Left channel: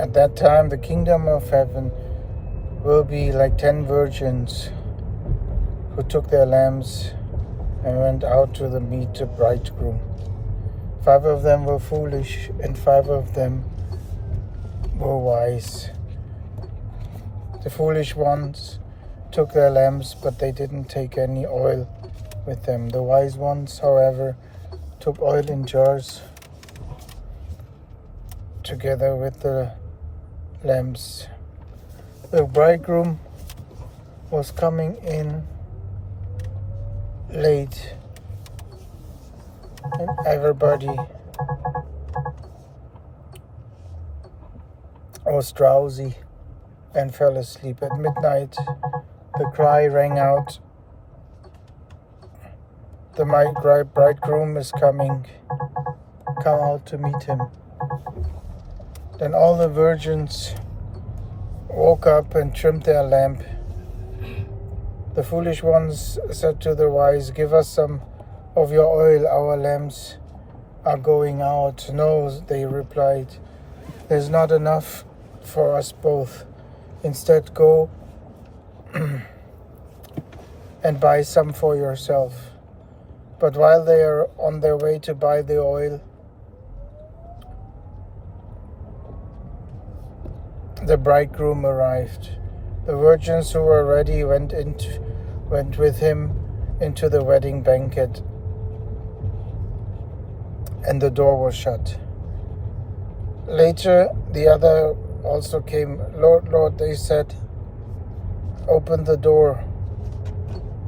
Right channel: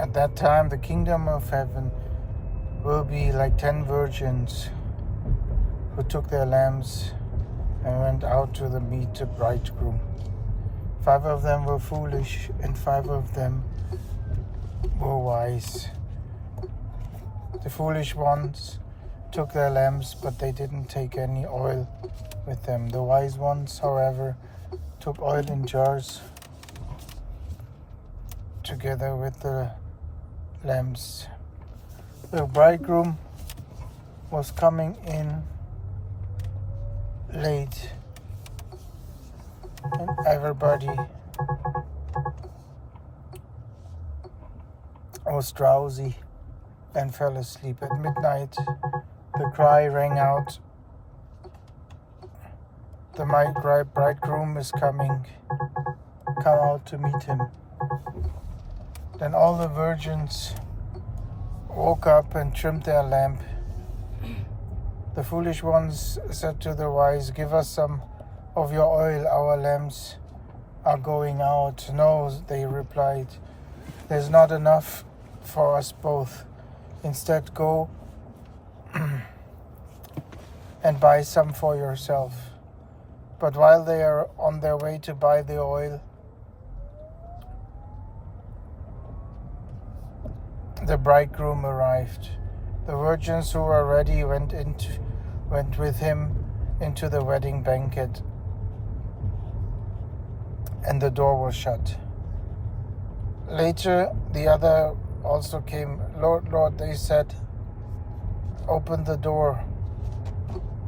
At that time, the kingdom of heaven will be like 10 virgins who took their lamps and went out to meet the bridegroom. 5 of them were foolish, and 5 of them were wise. The foolish ones took their lamps, but they didn't take any oil with them. The wise ones, however, took oil in jars together with the lamps. The bridegroom was coming in late, and everybody was drowsy and fell asleep. At midnight, the cry rang out, "The bridegroom is coming. Come out to meet him." Then all the virgins woke up and trimmed their lamp. The foolish ones said to the wise, "Give us some of your oil, our lamps are going out." "No," they replied, "there's not enough for us both. Instead, go and buy some for yourself." But while they are on their way to buy the oil, the bridegroom arrived. The virgins who were ready went with him into the wedding banquet, and the door was shut. Later, the other also came. "Lord, Lord," they said, "open the door."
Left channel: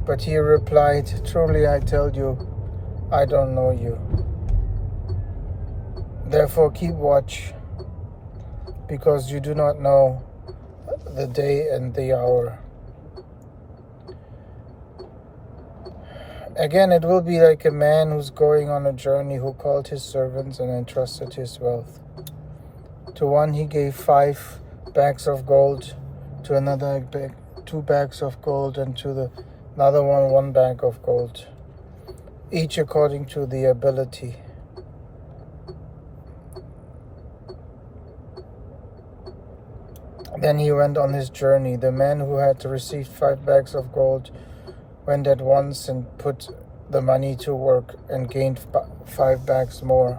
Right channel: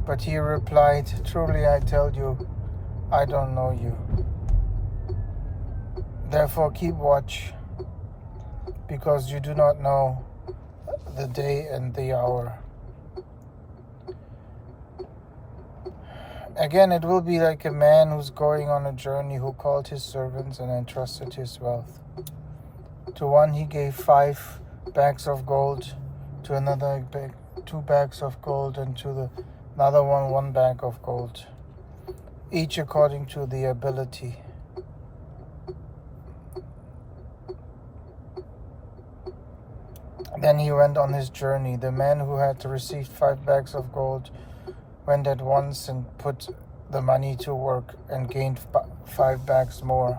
But he replied, "Truly I tell you, I don't know you. Therefore keep watch, because you do not know the day and the hour." Again, it will be like a man who's going on a journey, who called his servants and entrusted his wealth. To one he gave 5 bags of gold, to another 2 bags of gold, and to another 1 bag of gold, each according to the ability. Then he went on his journey. The man who had received 5 bags of gold went at once and put the money to work and gained 5 bags more.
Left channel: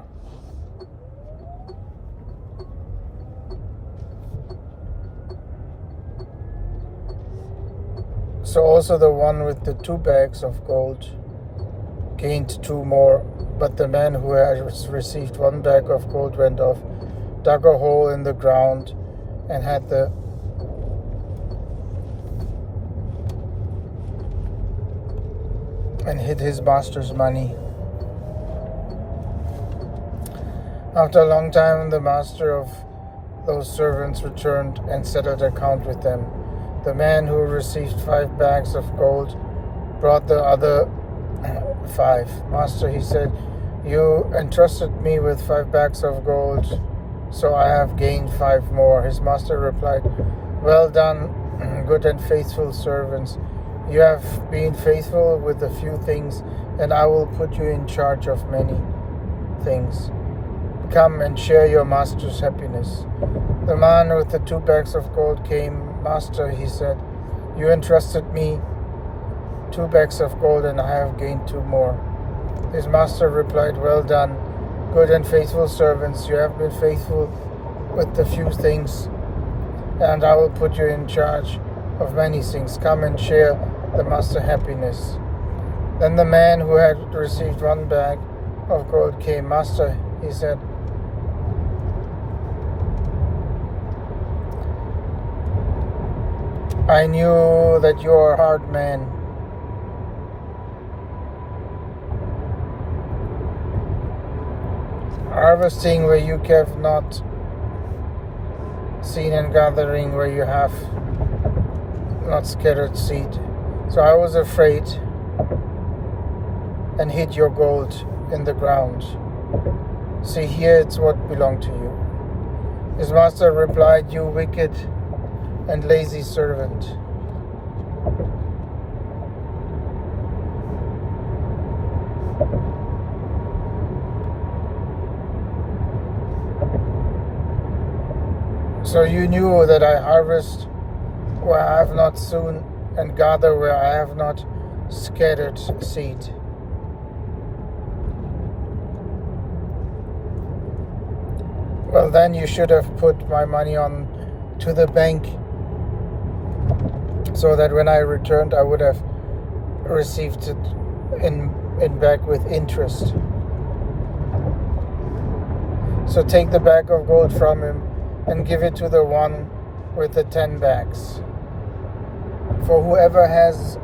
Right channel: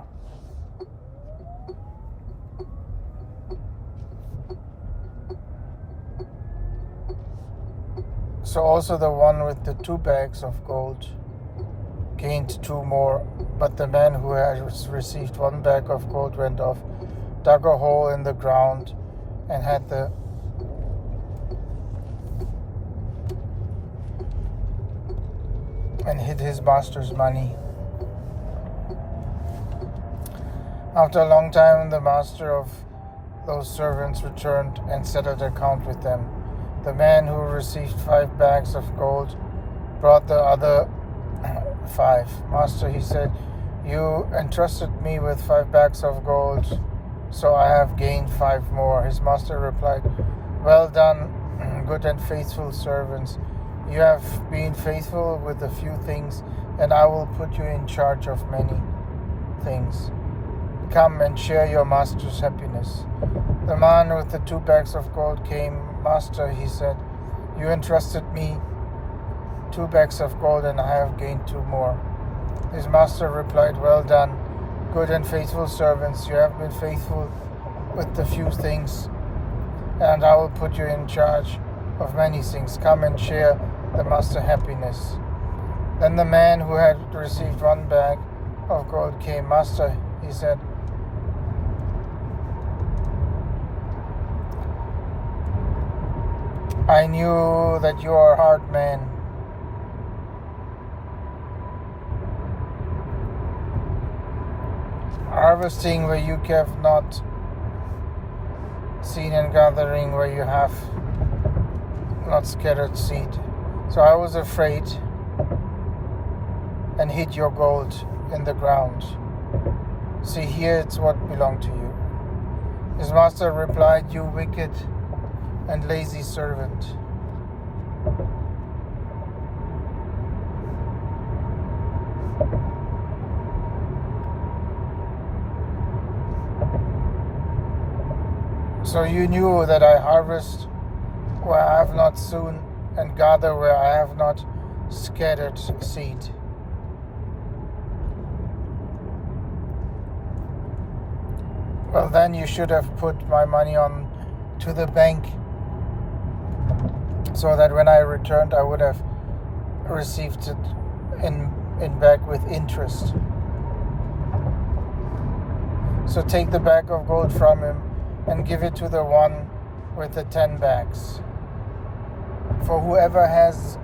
So also the one with the 2 bags of gold gained 2 more. But the man who had received 1 bag of gold went off, dug a hole in the ground, and hid his master's money. After a long time, the master of those servants returned and settled account with them. The man who received 5 bags of gold brought the other 5. "Master," he said, "you entrusted me with 5 bags of gold, so I have gained 5 more." His master replied, "Well done, good and faithful servants. You have been faithful with a few things, and I will put you in charge of many things. Come and share your master's happiness." The man with the 2 bags of gold came. "Master," he said, "you entrusted me 2 bags of gold, and I have gained 2 more." His master replied, "Well done, good and faithful servants. You have been faithful with the few things, and I will put you in charge of many things. Come and share the master's happiness." Then the man who had received 1 bag of gold came. "Master," he said, "I knew that you are a hard man, harvesting where you have not seen, and gathering where you have not scattered seed. So I was afraid and hid your gold in the ground. See, here it's what belonged to you." His master replied, "You wicked and lazy servant. So you knew that I harvest where I have not sown, and gather where I have not scattered seed. Well, then you should have put my money on to the bank, so that when I returned, I would have received it in back with interest. So take the bag of gold from him and give it to the one with the 10 bags. For whoever has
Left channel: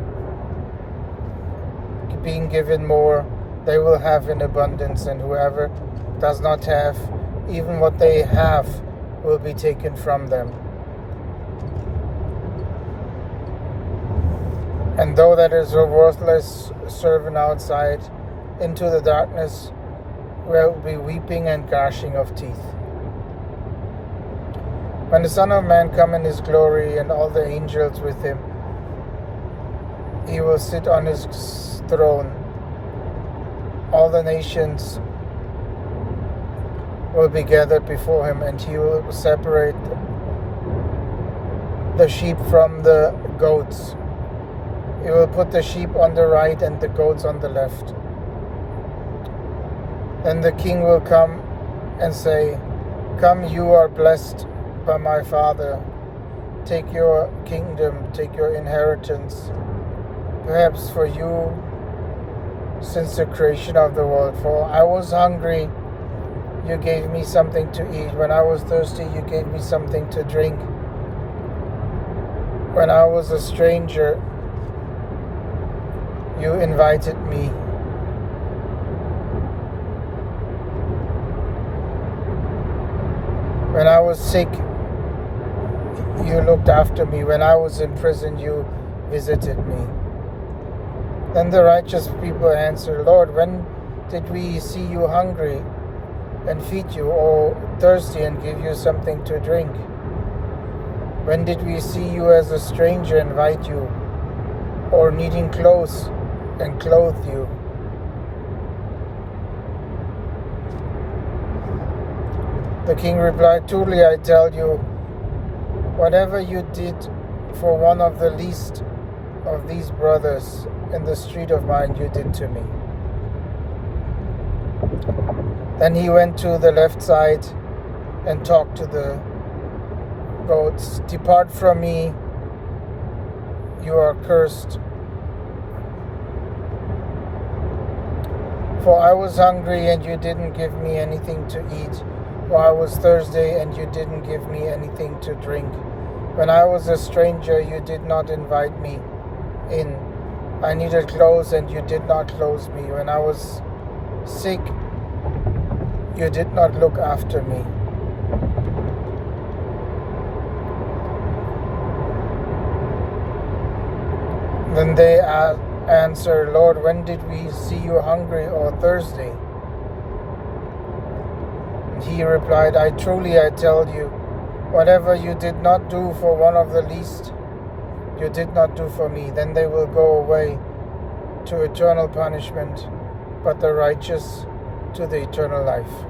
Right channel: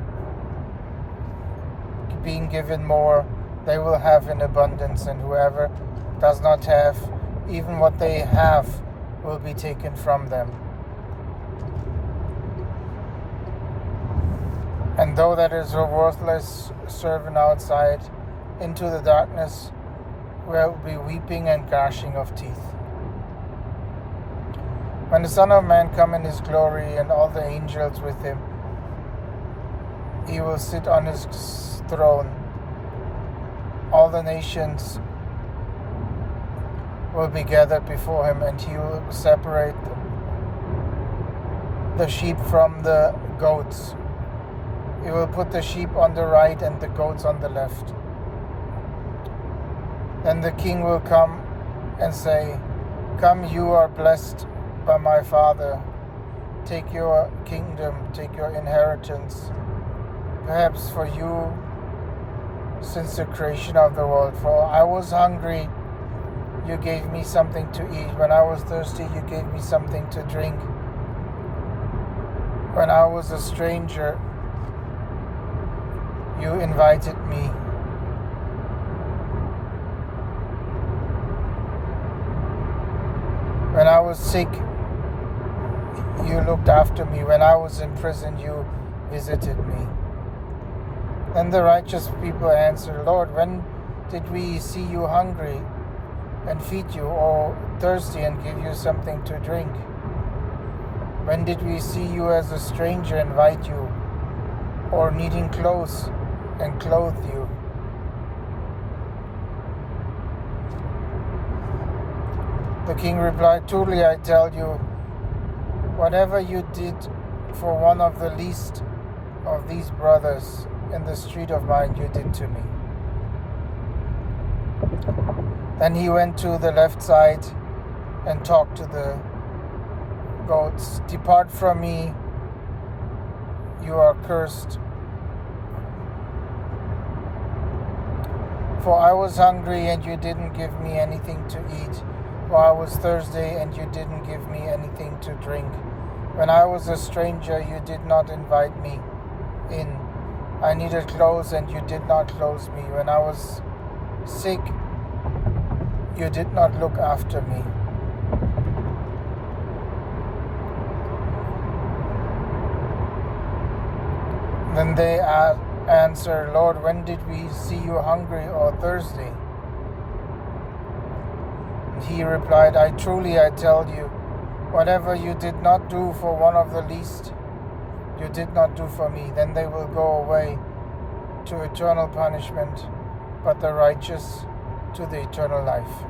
been given more, they will have in abundance, and whoever does not have, even what they have will be taken from them. And though that is a worthless servant outside, into the darkness will be weeping and gnashing of teeth. When the Son of Man come in his glory and all the angels with him, he will sit on his throne. All the nations will be gathered before him, and he will separate the sheep from the goats. He will put the sheep on the right and the goats on the left. Then the king will come and say, "Come, you are blessed by my Father. Take your kingdom, take your inheritance, perhaps for you since the creation of the world. For I was hungry, you gave me something to eat. When I was thirsty, you gave me something to drink. When I was a stranger, you invited me. When I was sick, you looked after me. When I was in prison, you visited me." Then the righteous people answer, "Lord, when did we see you hungry and feed you, or thirsty and give you something to drink? When did we see you as a stranger and invite you, or needing clothes and clothe you?" The king replied, "Truly I tell you, whatever you did for one of the least of these brothers in the street of mine, you did to me." Then he went to the left side and talked to the goats. "Depart from me, you are cursed. For I was hungry and you didn't give me anything to eat. For I was thirsty and you didn't give me anything to drink. When I was a stranger, you did not invite me in. I needed clothes and you did not clothe me. When I was sick, you did not look after me." Then they answer, "Lord, when did we see you hungry or thirsty?" He replied, I tell you, whatever you did not do for one of the least, you did not do for me." Then they will go away to eternal punishment, but the righteous to the eternal life.